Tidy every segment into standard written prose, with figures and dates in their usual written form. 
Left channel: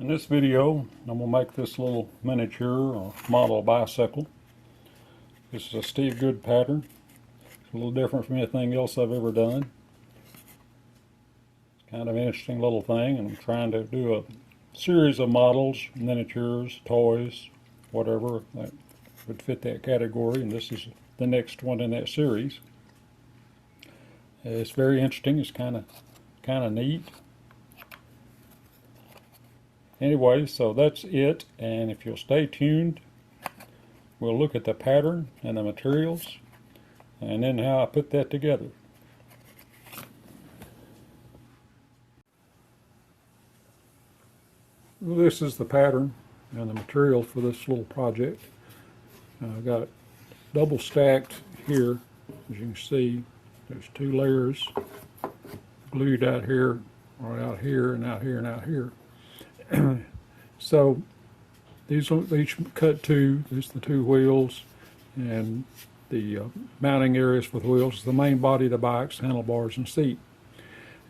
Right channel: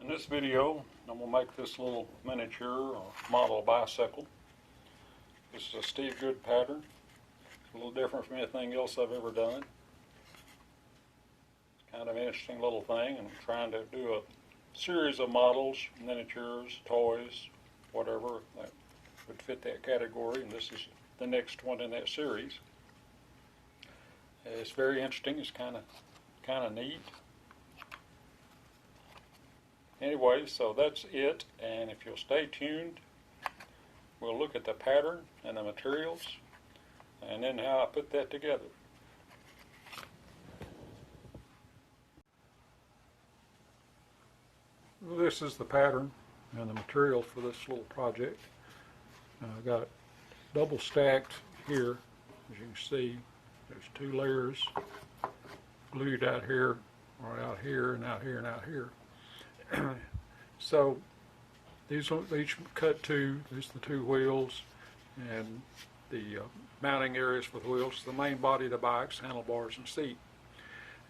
In this video, I'm going to make this little miniature or model bicycle. This is a Steve Good pattern. It's a little different from anything else I've ever done. It's kind of an interesting little thing, and I'm trying to do a series of models, miniatures, toys, whatever that would fit that category, and this is the next one in that series. It's very interesting. It's kind of neat. Anyway, so that's it, and if you'll stay tuned, we'll look at the pattern and the materials and then how I put that together. Well, this is the pattern and the material for this little project. I've got it double stacked here. As you can see, there's two layers glued out here, or out here, and out here, and out here. So these are each cut two. There's the two wheels and the mounting areas for the wheels, the main body of the bikes, handlebars, and seat.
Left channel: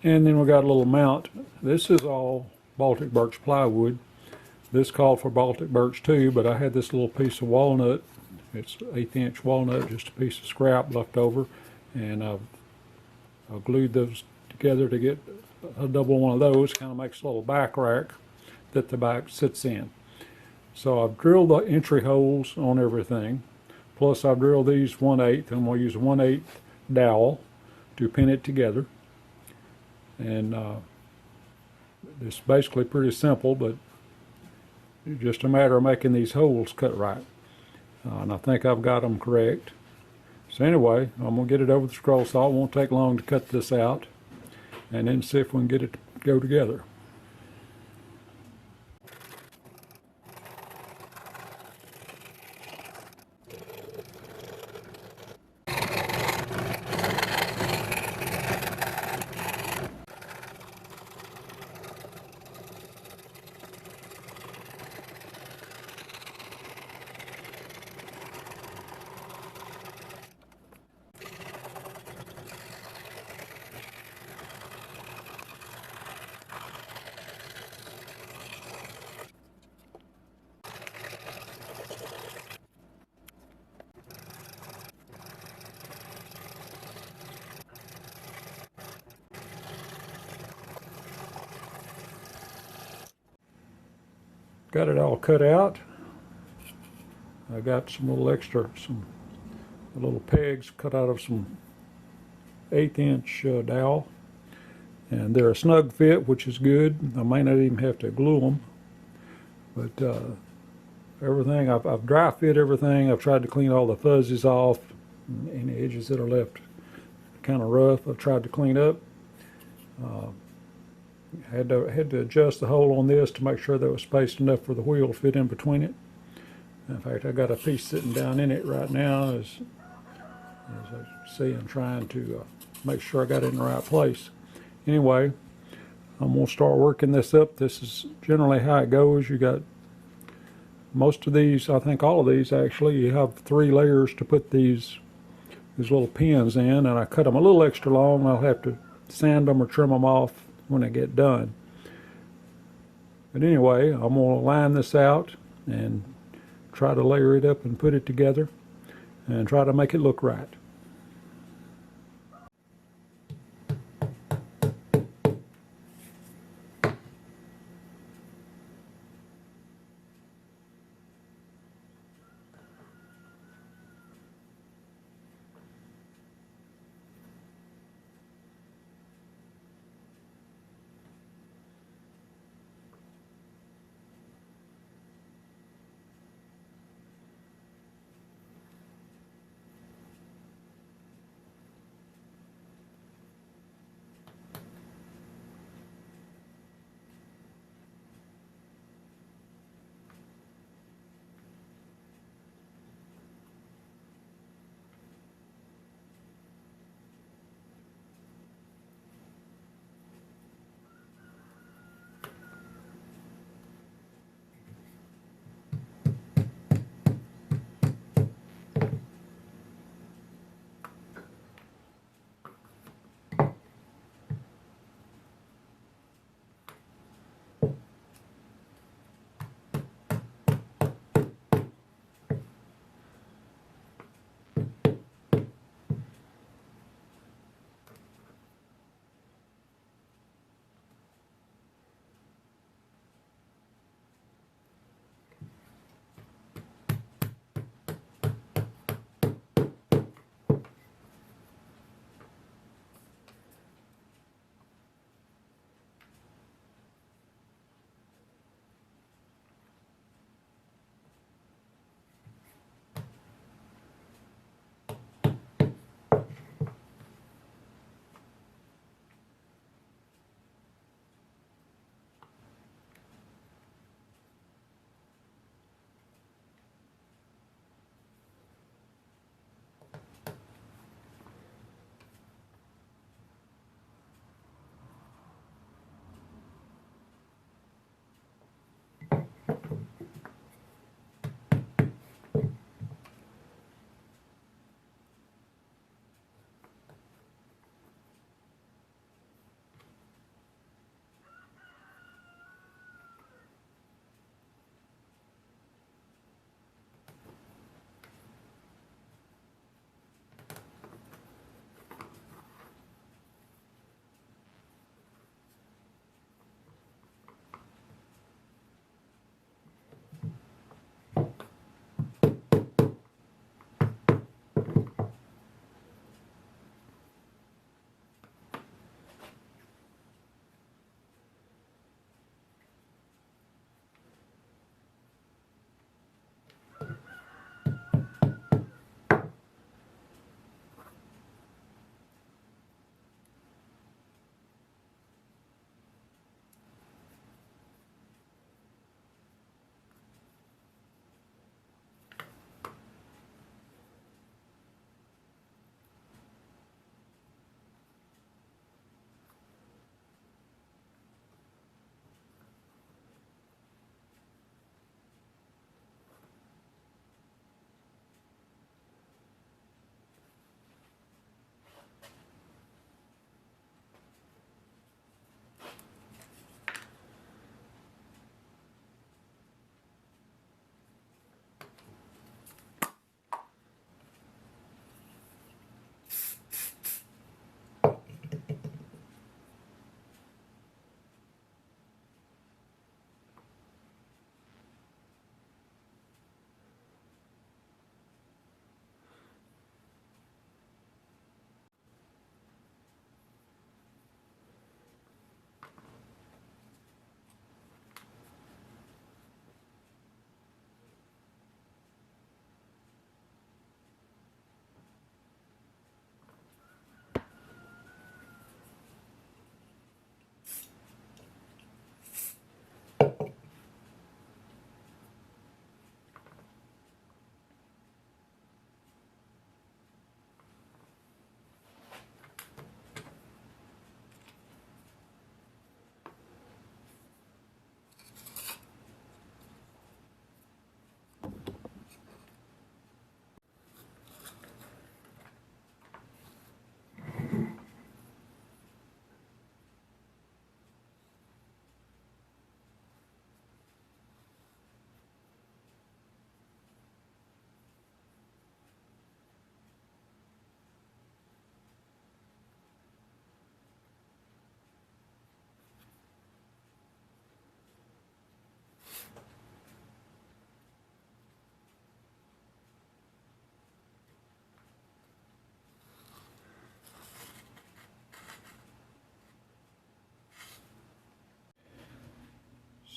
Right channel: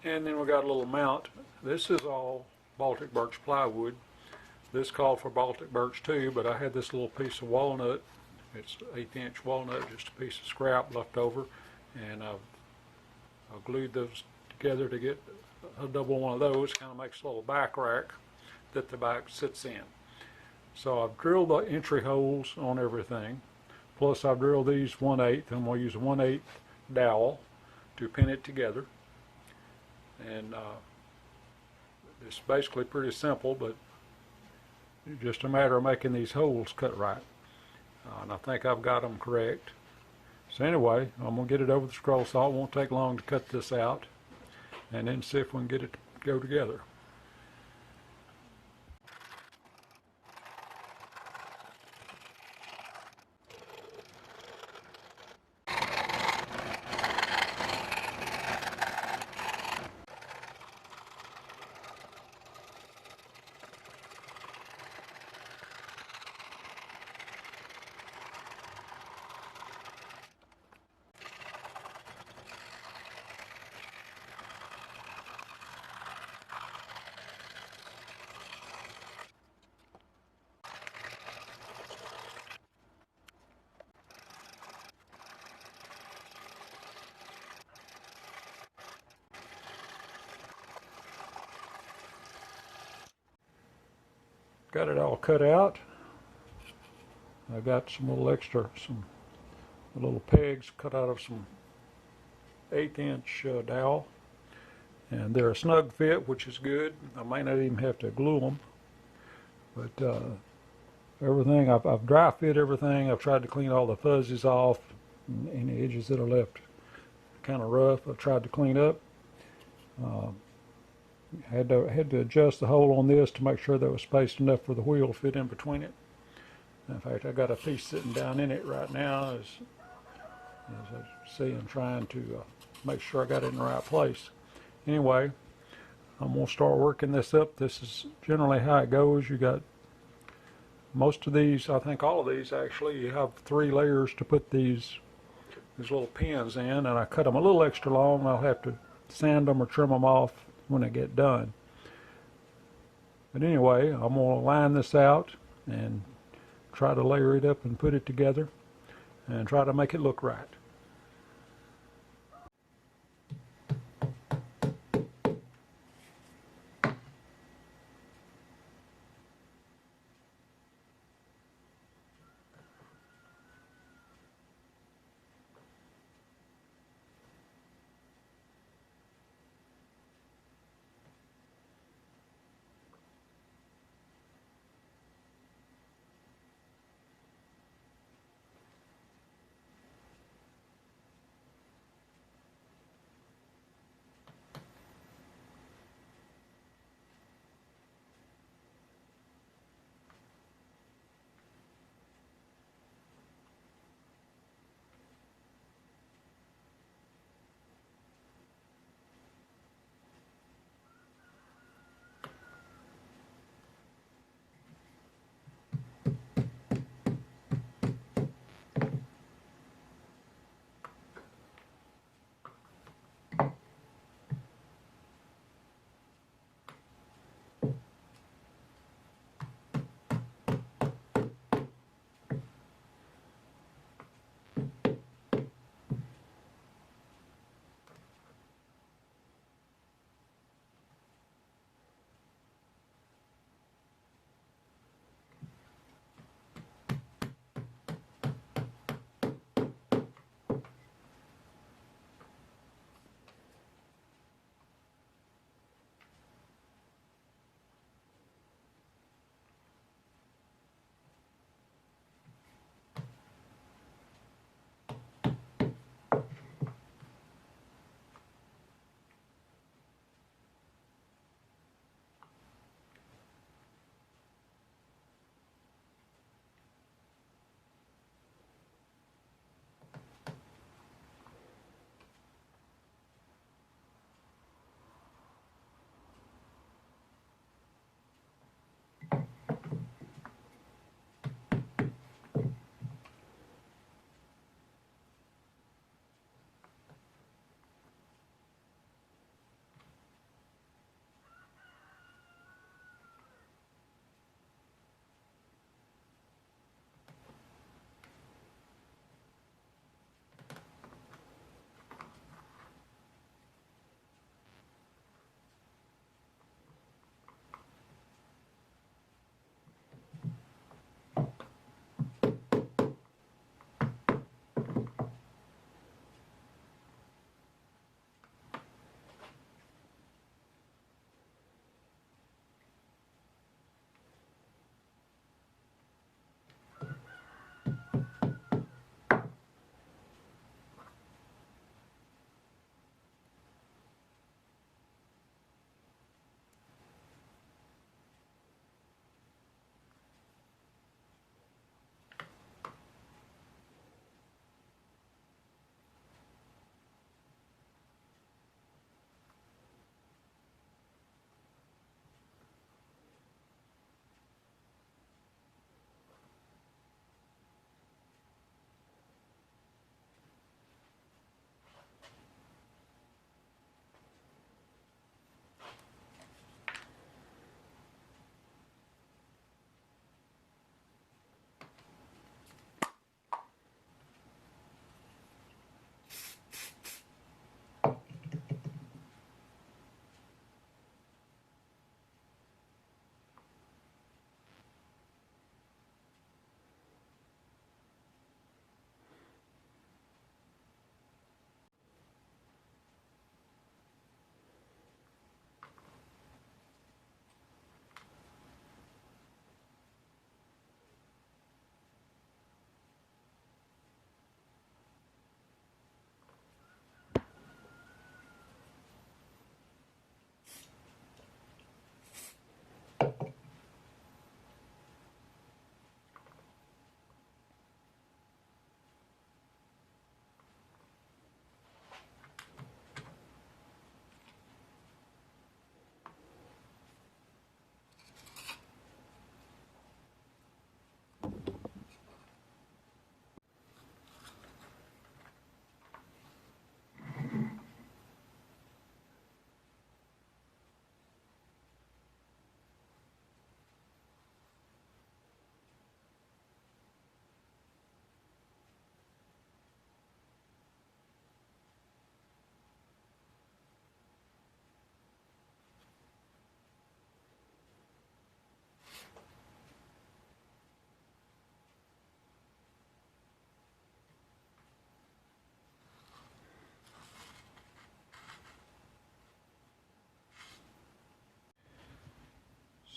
And then we got a little mount. This is all Baltic birch plywood. This called for Baltic birch too, but I had this little piece of walnut. It's 1/8 inch walnut, just a piece of scrap left over, and I've glued those together to get a double one of those. Kind of makes a little back rack that the bike sits in. So I've drilled the entry holes on everything, plus I've drilled these 1/8, and we'll use a 1/8 dowel to pin it together. And it's basically pretty simple, but it's just a matter of making these holes cut right. And I think I've got them correct. So anyway, I'm going to get it over the scroll saw. It won't take long to cut this out, and then see if we can get it to go together. Got it all cut out. I got some little extra, some little pegs cut out of some 1/8 inch dowel, and they're a snug fit, which is good. I may not even have to glue them, but everything I've dry fit everything. I've tried to clean all the fuzzies off, and any edges that are left kind of rough I've tried to clean up. Had to adjust the hole on this to make sure that it was spaced enough for the wheel to fit in between it. In fact, I got a piece sitting down in it right now. As I see, I'm trying to make sure I got it in the right place. Anyway, I'm going to start working this up. This is generally how it goes. You got most of these, I think all of these actually, you have 3 layers to put these little pins in, and I cut them a little extra long. I'll have to sand them or trim them off when I get done. But anyway, I'm going to line this out and try to layer it up and put it together and try to make it look right.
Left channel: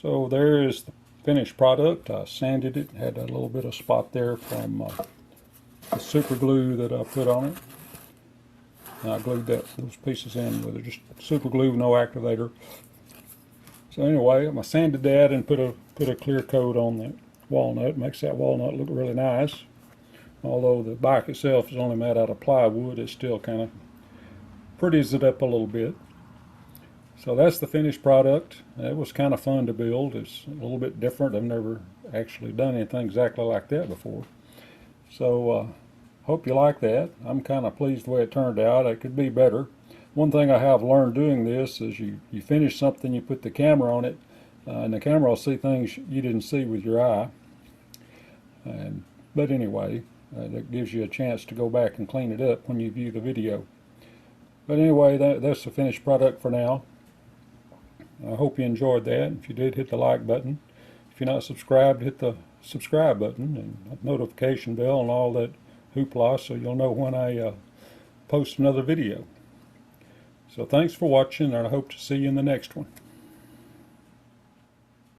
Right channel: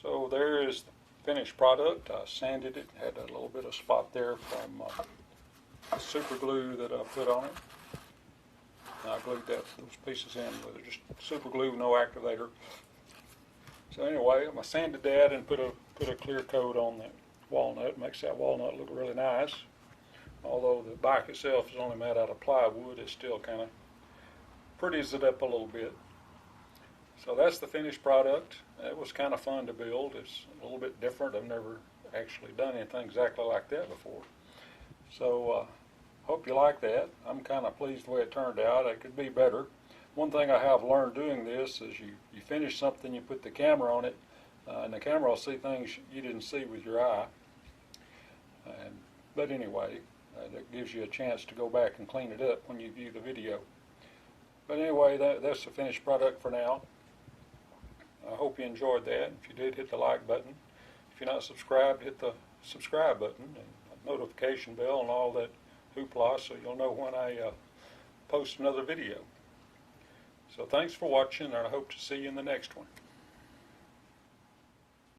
So there is the finished product. I sanded it, had a little bit of spot there from the super glue that I put on it. And I glued those pieces in with just super glue, no activator. So anyway, I sanded that and put a clear coat on the walnut. Makes that walnut look really nice. Although the bike itself is only made out of plywood, it still kind of pretties it up a little bit. So that's the finished product. It was kind of fun to build. It's a little bit different. I've never actually done anything exactly like that before. So hope you like that. I'm kind of pleased the way it turned out. It could be better. One thing I have learned doing this is you finish something, you put the camera on it, and the camera will see things you didn't see with your eye. But anyway, that gives you a chance to go back and clean it up when you view the video. But anyway, that's the finished product for now. I hope you enjoyed that. If you did, hit the like button. If you're not subscribed, hit the subscribe button and notification bell and all that hoopla so you'll know when I post another video. So thanks for watching, and I hope to see you in the next one.